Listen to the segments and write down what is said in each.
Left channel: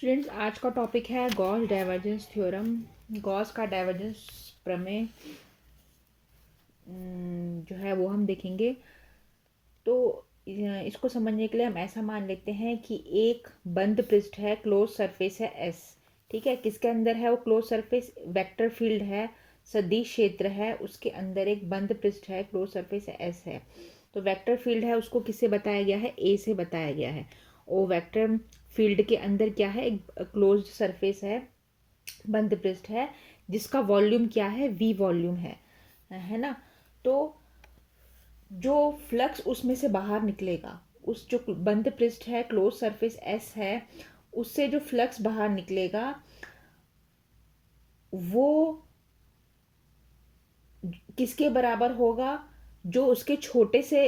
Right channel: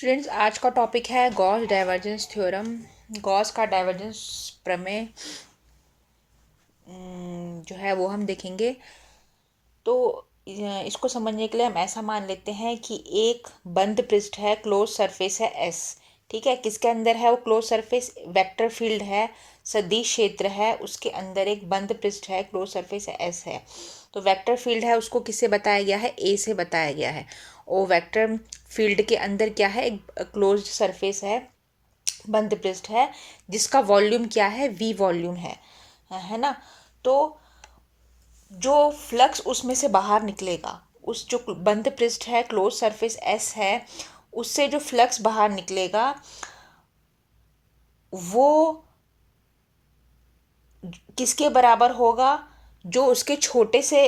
Students, आज का topic है गॉस डाइवर्जेंस थ्योरम। गॉस का डाइवर्जेंस प्रमेय जो है वो हम देखेंगे। तो इसको समझने के लिए हम ऐसा मान लेते हैं कि एक बंद पृष्ठ है, क्लोज सरफेस है एस। ठीक है, किसके अंदर है वो क्लोज सरफेस? वेक्टर फील्ड है, सदिश क्षेत्र है, उसके अंदर एक बंद पृष्ठ है, क्लोज सरफेस है एस है। तो वेक्टर फील्ड है, उसको किससे बताया गया है? ए से बताया गया है। और वेक्टर फील्ड के अंदर क्या है? एक क्लोज्ड सरफेस है, बंद पृष्ठ है, जिसका वॉल्यूम क्या है? वी वॉल्यूम है ना। तो जो फ्लक्स उसमें से बाहर निकलेगा, उस जो बंद पृष्ठ है, क्लोज सरफेस एस है, उससे जो फ्लक्स बाहर निकलेगा वो किसके बराबर होगा? जो उसके छोटे से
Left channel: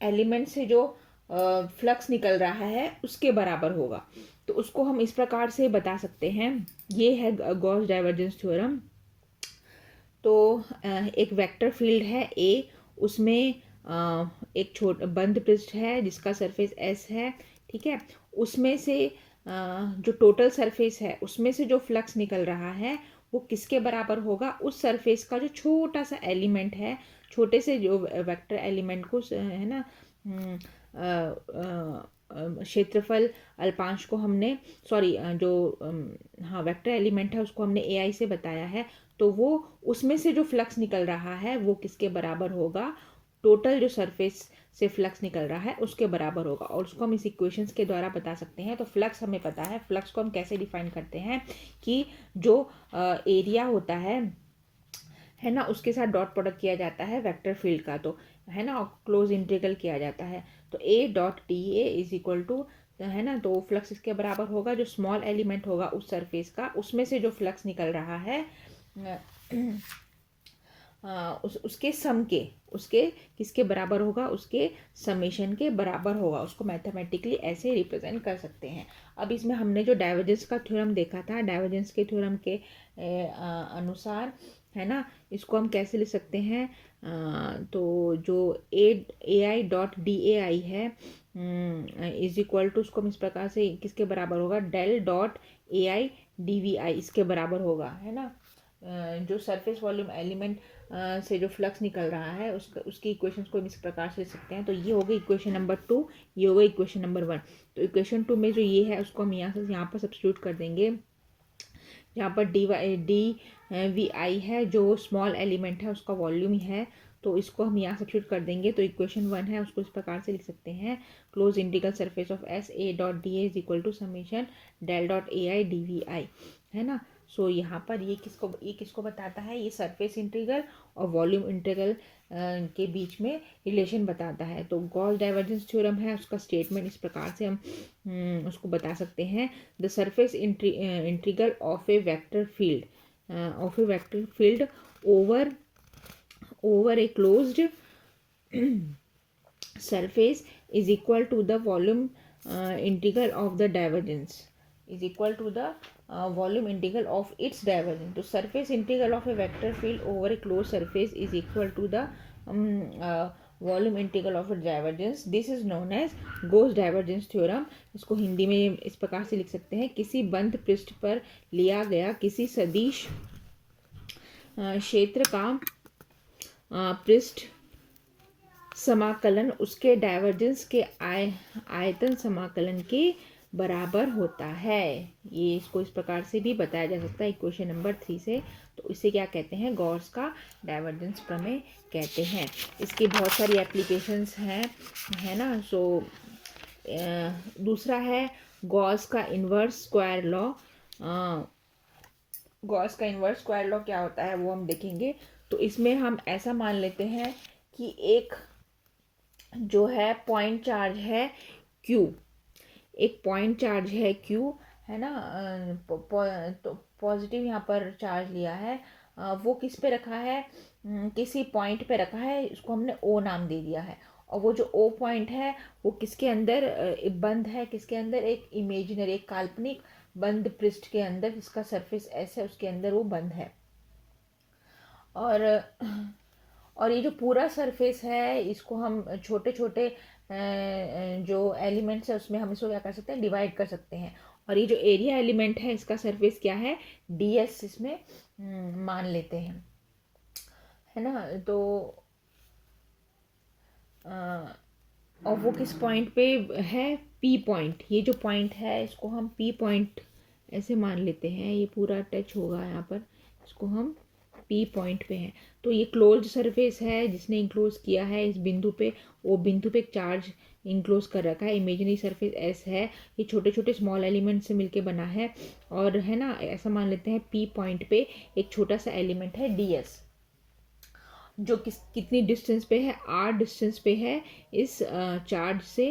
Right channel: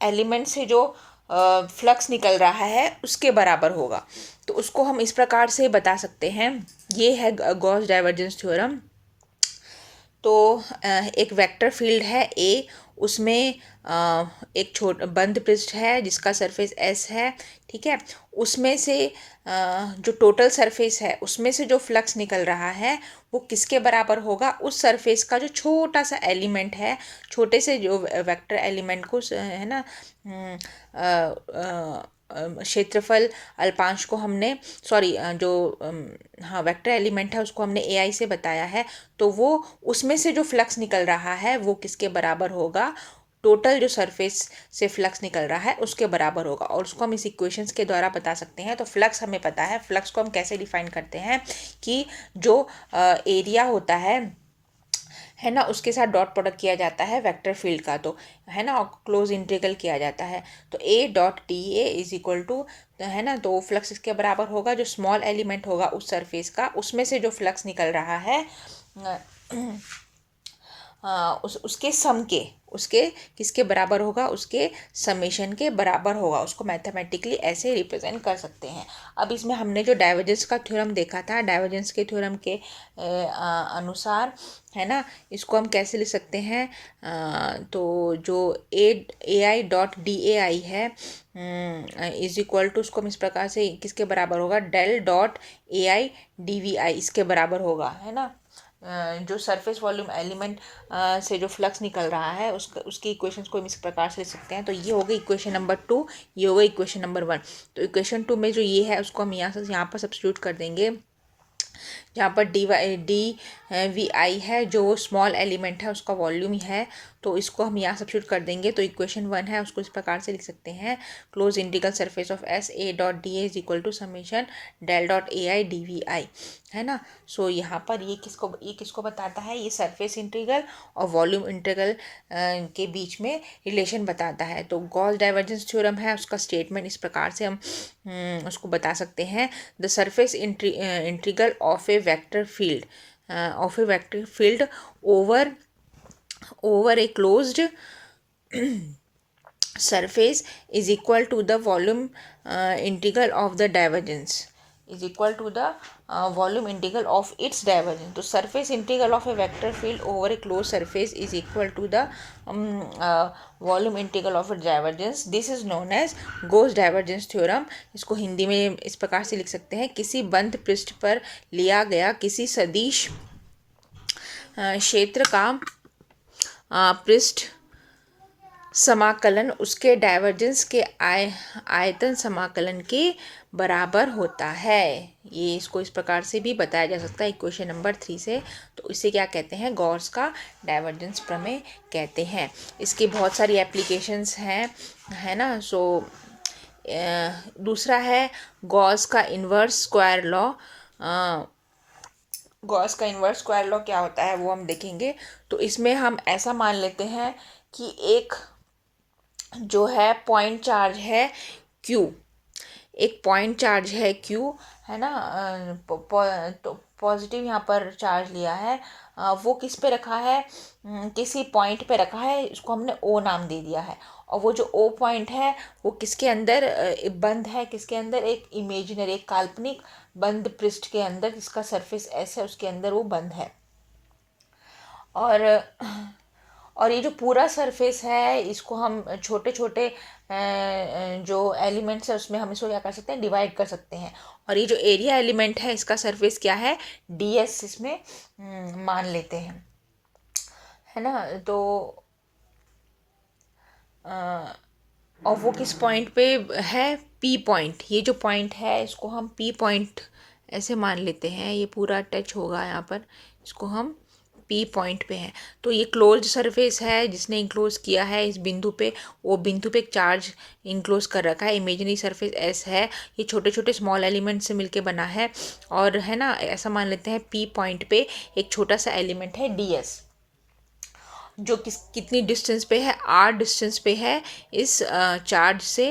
एलिमेंट से जो फ्लक्स निकल रहा है उसके बराबर होगा। तो उसको हम इस प्रकार से बता सकते हैं। ये है गॉस डाइवर्जेंस थ्योरम। तो एक वेक्टर फील्ड है ए, उसमें एक बंद पृष्ठ है जिसका सरफेस एस है। ठीक है, उसमें से जो टोटल सरफेस है उसमें से जो फ्लक्स निकल रहा है वो किसके बराबर होगा? उस सरफेस का जो छोटा सा एलिमेंट है, छोटे से जो वेक्टर एलिमेंट को है ना, क्षेत्रफल अल्पांश को हमने जो हाँ वेक्टर एलिमेंट है उसको हमने ए आई से बताया है। तो वो उसमें से जो फ्लक्स निकल रहा है वो किसके बराबर होगा? टोटल जो सरफेस से फ्लक्स निकल रहा है उसके बराबर होगा। और उसको हम इस इक्वेशंस के द्वारा बता सकते हैं। तो फ्लक्स हमें पता है। फ्लक्स को हम कैसे डिफाइन करते हैं कि जो एरिया होता है ना, उसके साथ डॉट प्रोडक्ट किया जाता है वेक्टर फील्ड का, तो है ना, और क्लोज इंटीग्रल किया जाता है। तो A dot D A is equal to, है ना, तो फ्लक्स इसके बराबर होगा, जो स्मॉल एलिमेंट होगा उस सरफेस का, उसमें से जो फ्लक्स निकल रहा है उसके सम के, उसके किसके बराबर होगा? उसके समेशन के बराबर होगा। उसको मैथमेटिकली ऐसे रिप्रेजेंट कर सकते हैं। अब इसमें हमने जो डाइवर्जेंस का थ्योरम देखा था, डाइवर्जेंस के थ्योरम के अनुसार, है ना, इसको हम कैसे लिख सकते हैं? तो जो ए आई डॉट डी ए आई है इज इक्वल टू, उसको हम इस प्रकार से किसके बराबर होगा? Del dot A I D V I इसके बराबर होगा, है ना। जो सरफेस वॉल्यूम एलिमेंट से जो फ्लक्स निकल रहा है उसकी इक्वेशंस को हम इस प्रकार से लिख सकते हैं। तो ये हो गई इक्वेशन नंबर 2, ये हो गई इक्वेशन नंबर 1। तो इक्वेशन 2 में जो ये है उसको हम यहाँ पर सब्स्टिट्यूट कर देंगे, जहाँ पर डी वी आई है, जो स्मॉल एलिमेंट है उसका वॉल्यूम है। तो इसको हम यहाँ सब्स्टिट्यूट कर देंगे। तो इक्वेशन 1 है, उसको इस प्रकार से लिख सकते हैं, close integral surface of S A dot D A is equal to summation del dot A I D V I, है ना। सो यहाँ पर ये किसको बताता है? ये सरफेस इंटीग्रल और वॉल्यूम इंटीग्रल के बीच में रिलेशन बताता है। तो गॉस डाइवर्जेंस थ्योरम है, उसका स्टेटमेंट इस प्रकार से हम उसको बता सकते हैं। The surface integral of A vector field over a closed surface is equal to the volume integral of the divergence, is equal to the volume integral of its divergence. तो surface integral of a vector field over a closed surface is equal to the volume integral of its divergence. This is known as Gauss divergence theorem. इसको हिंदी में इस प्रकार से लिख सकते हैं, किसी बंद पृष्ठ पर लिया गया किसी सदिश क्षेत्र का पृष्ठ समाकलन उसके डाइवर्जेंस के आयतन समाकलन के बराबर होता है। ये इसको इस प्रकार से भी बताया जा सकता है इक्वेशन नंबर 3 से। तो इसे क्या कहते हैं? गॉस का डाइवर्जेंस प्रमेय कहते हैं। इसकी बहुत सारी एप्लीकेशंस हैं, है ना। सो दूसरा है गॉस का इन्वर्स स्क्वायर लॉ। गॉस का इन्वर्स स्क्वायर लॉ क्या होता है वो हम देखेंगे। तो इसमें हम ऐसा मान लेते हैं कि एक जो है पॉइंट चार्ज है क्यू, एक पॉइंट चार्ज है क्यू, है ना। तो पॉजिटिव यहाँ पर चार्ज लिया है, वो किस पे रखा है? किसी पॉइंट पे रखा है, इसको हमने ओ नाम दे दिया है। और वो जो ओ पॉइंट है वो किसके अंदर बंद है? किसके अंदर? एक इमेजिनरी, एक काल्पनिक बंद पृष्ठ के अंदर, जिसका सरफेस एस है उसके अंदर वो बंद है। और और ये जो पूरा सरफेस है इसको हम छोटे छोटे जो एलिमेंट्स है उसमें हम इसको क्या कर सकते हैं, डिवाइड कर सकते हैं। और ये जो एरिया एलिमेंट है इसका सरफेस क्या है, ds इसमें मान लेते हैं, है ना। तो और वो किस पॉइंट पे है, पी पॉइंट। ये जो पॉइंट है इसको हम पी पॉइंट ऐसे मान लेते हैं, ये पूरा टच होगा यहाँ पर, इसको हम पी पॉइंट पे है। तो ये क्लोज्ड सरफेस है जिसने इंक्लोज किया है इस बिंदु पे, वो बिंदु पे एक चार्ज इंक्लोज कर रखा है। इमेजिनरी सरफेस एस है, ये छोटे छोटे स्मॉल एलिमेंट से मिलके बना है। और है ना, ऐसा मान लेते हैं पी पॉइंट पे एक छोटा सा एलिमेंट है ds, जो कितनी डिस्टेंस पे है, r डिस्टेंस पे है इस चार्ज से,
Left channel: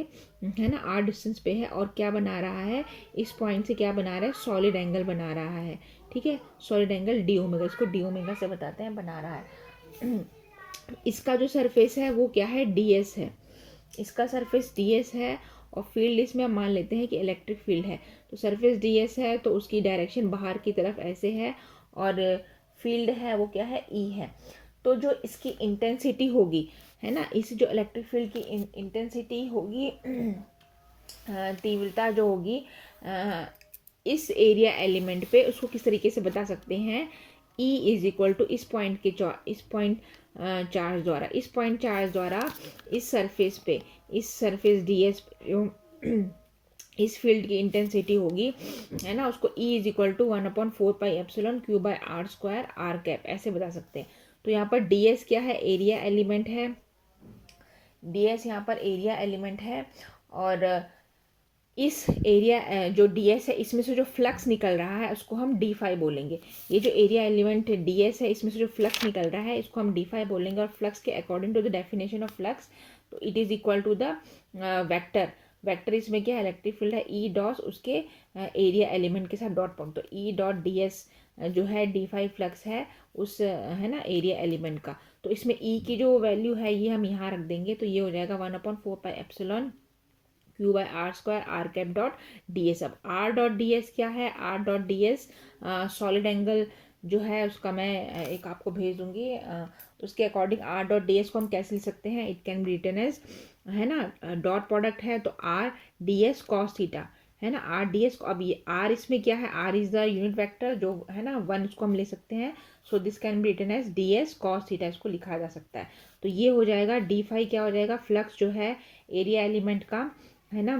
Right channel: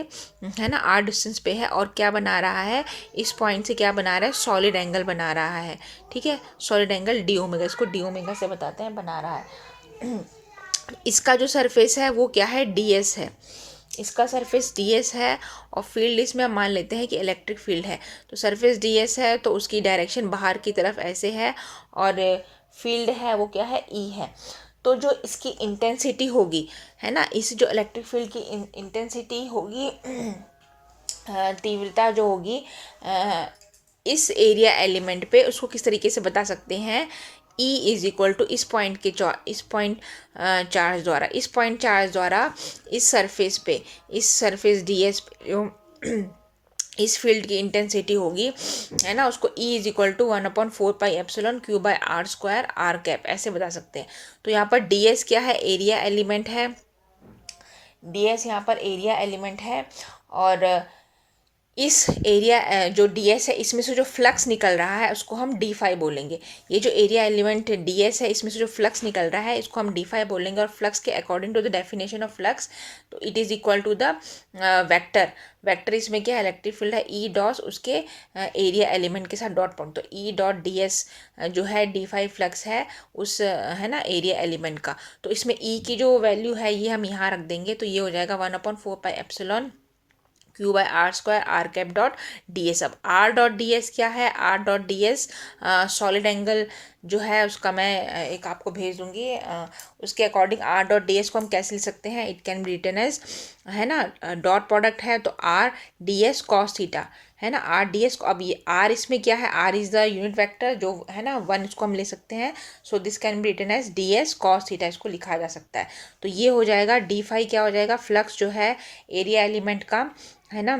है ना, r डिस्टेंस पे है। और क्या बना रहा है, इस पॉइंट से क्या बना रहा है, सॉलिड एंगल बना रहा है। ठीक है, सॉलिड एंगल डी ओमेगा, इसको डी ओमेगा से बताते हैं, बना रहा है। इसका जो सरफेस है वो क्या है, ds है, इसका सरफेस ds है। और फील्ड इसमें हम मान लेते हैं कि इलेक्ट्रिक फील्ड है। तो सरफेस ds है तो उसकी डायरेक्शन बाहर की तरफ ऐसे है, और फील्ड है वो क्या है, E है। तो जो इसकी इंटेंसिटी होगी, है ना, इस जो इलेक्ट्रिक फील्ड की इंटेंसिटी होगी, तीव्रता जो होगी इस एरिया एलिमेंट पे, उसको किस तरीके से बता सकते हैं, E इज इक्वल टू इस पॉइंट के इस पॉइंट चार्ज द्वारा, इस पॉइंट चार्ज द्वारा इस सरफेस पे, इस सरफेस ds पे जो इस फील्ड की इंटेंसिटी होगी, है ना, उसको E is equal to 1/4πε/q/r² r cap ऐसे बता सकते हैं। तो यहाँ पर ds क्या है, एरिया एलिमेंट है, ds यहाँ पर एरिया एलिमेंट है। और इस एरिया जो ds है इसमें से जो फ्लक्स निकल रहा है उसको हम d5 बोलेंगे। ये जो एरिया एलिमेंट ds है इसमें से जो फ्लक्स निकल रहा है इसको हम d5 बोलेंगे। और फ्लक्स के according to the definition of flux, तो it is equal to the vector, vector इसमें क्या है, इलेक्ट्रिक फील्ड है E डॉस उसके एरिया एलिमेंट के साथ डॉट पॉइंट, तो E डॉट ds जो है d5 फ्लक्स है उस है ना एरिया एलिमेंट का। तो इसमें E की जो वैल्यू है ये हम यहाँ रख देंगे, तो ये हो जाएगा 1/4πε q/r² r cap dot ds। अब r डॉट ds क्या है, r dot ds solid angle जो है उसका मैं एक आपको भेज दूंगी, उसके अकॉर्डिंग r डॉट ds को हम कैसे लिख सकते हैं, it can be written as, है ना, डॉट प्रोडक्ट है तो r ds cos थीटा, है ना, r ds को, अब ये r इसमें क्या है, r is the unit vector जो है ना 1, इसको हम ले सकते हैं। So this can be written as ds cos theta, इसको लिखा जा सकता है। तो ये हो जाएगा d5 क्या हो जाएगा, फ्लक्स जो है एरिया एलिमेंट का, है ना,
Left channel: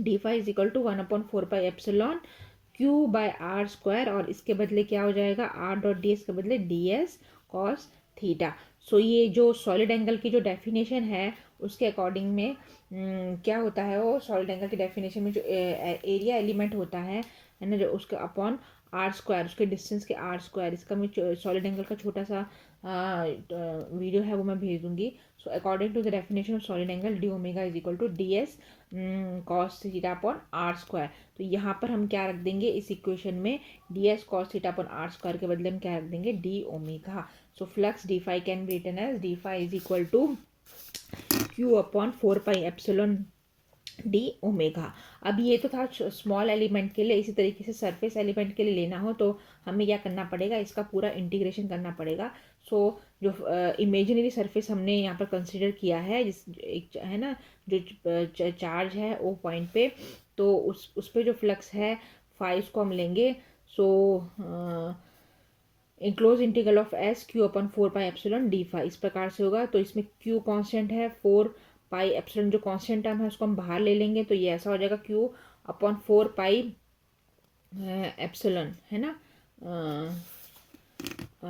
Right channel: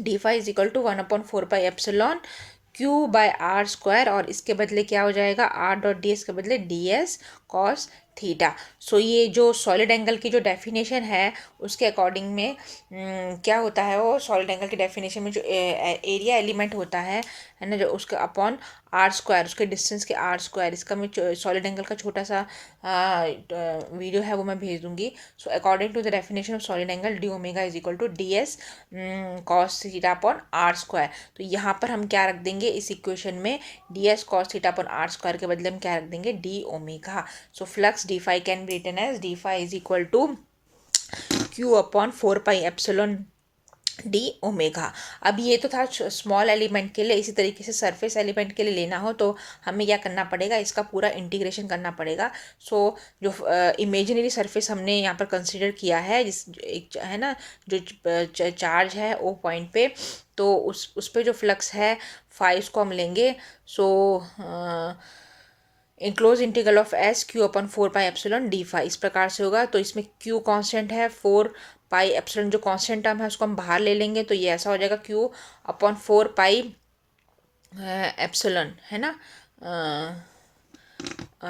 d5 is equal to 1/4πε/q/r², और इसके बदले क्या हो जाएगा, r डॉट ds के बदले ds cos थीटा। सो ये जो सॉलिड एंगल की जो डेफिनेशन है उसके अकॉर्डिंग में क्या होता है, वो सॉलिड एंगल की डेफिनेशन में जो एरिया एलिमेंट होता है ना, जो उसका अपॉन r², उसके डिस्टेंस के r², इसका मैं सॉलिड एंगल का छोटा सा वीडियो है वो मैं भेज दूंगी। So according to the definition of solid angle D omega is equal to ds cos theta upon r²। तो यहाँ पर हम क्या रख देंगे इस इक्वेशन में, ds cos theta upon r² के बदले हम क्या रख देंगे, D omega. So flux d5 can be written as d5 is equal to q/4πε D omega. अब ये तो था स्मॉल एलिमेंट के लिए। इसी तरीके से सरफेस एलिमेंट के लिए लेना हो तो हमें क्या करना पड़ेगा, इसका पूरा इंटीग्रेशन करना पड़ेगा। सो जो इमेजिनरी सरफेस हमने यहाँ पर कंसिडर किया है, जिस एक है ना जो चार्ज है ओ पॉइंट पे, तो उस पे जो फ्लक्स है 5 को हम लेंगे। So enclose integral of S q/4πε/d5 इस प्रकार से होगा। तो इसमें q कांस्टेंट है, 4πε जो कांस्टेंट टर्म है उसको हम बाहर ले लेंगे, तो ये ऐसा हो जाएगा q/4πε, है ना,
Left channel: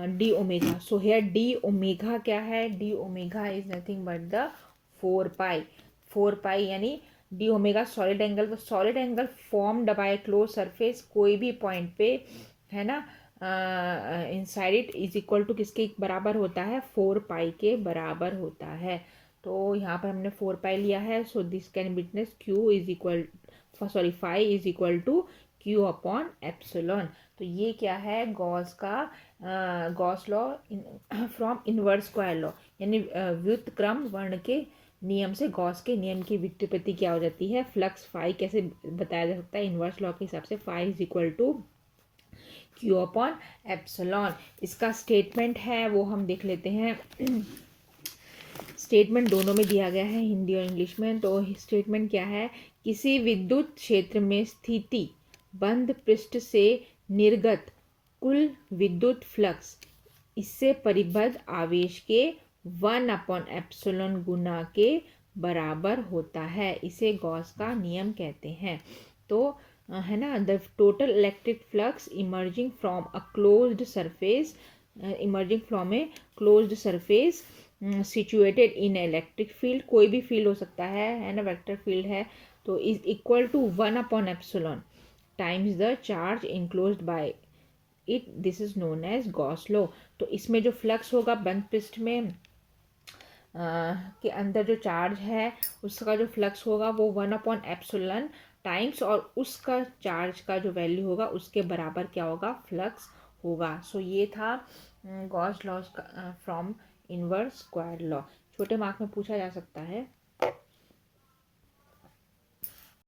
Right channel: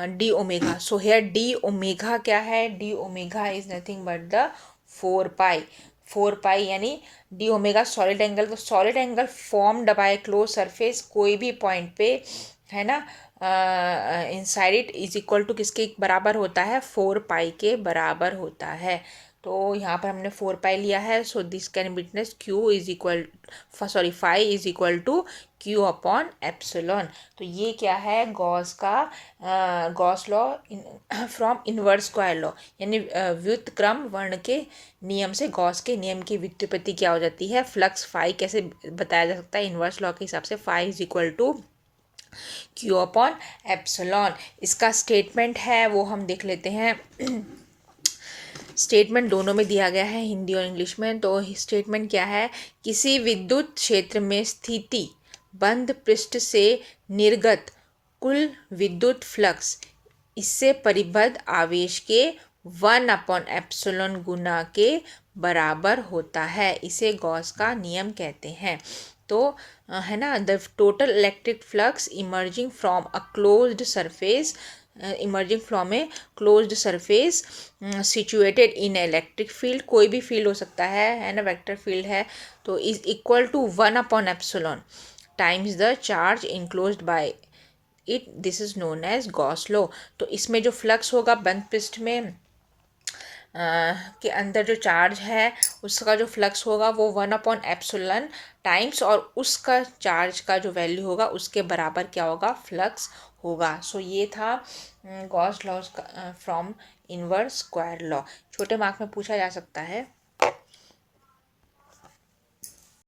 D omega. So here D omega क्या है, D omega is nothing but the 4π यानी डी ओमेगा सॉलिड एंगल। तो solid angle formed by close surface कोई भी पॉइंट पे, है ना, inside it is equal to किसके बराबर होता है, 4π के बराबर होता है। तो यहाँ पर हमने 4π लिया है। So this can be written as q is equal phi is equal to q upon epsilon. तो ये क्या है, Gauss law from inverse square law, यानी व्युत्क्रम वर्ण के नियम से गॉस के नियम की व्युत्पत्ति क्या हो जाती है, फ्लक्स फाई कैसे बताया जा सकता है इनवर्स लॉ के हिसाब से, phi is equal to q upon epsilon. इसका स्टेटमेंट है वो हम देख लेते हैं। स्टेटमेंट दोनों में दिया गया है, हिंदी और इंग्लिश में। तो स्टेटमेंट क्या है, किसी विद्युत क्षेत्र में स्थिति बंद पृष्ठ से निर्गत कुल विद्युत फ्लक्स इससे परिबद्ध आवेश के 1/ε गुना के बराबर होता है। इसे गॉस का नियम कहते हैं। तो है ना, the total electric flux emerging from a closed surface, emerging from a closed surface situated in electric field, कोई भी फील्ड हो सकता है ना, वेक्टर फील्ड है, तो is equal to 1/ε times the charge enclosed by it, this is known as Gauss law. तो इसमें जो फ्लक्स होगा बंद पृष्ठ में के अंदर जो चार्ज है उसका जो फ्लक्स होगा वो 1/ε टाइम्स, और उसका चार्ज का जो वैल्यू होगा उसके बराबर क्या होगा, फ्लक्स होगा। सो ये था Gauss law from inverse square law. छोटे मार्क में पूछा जा सकता है।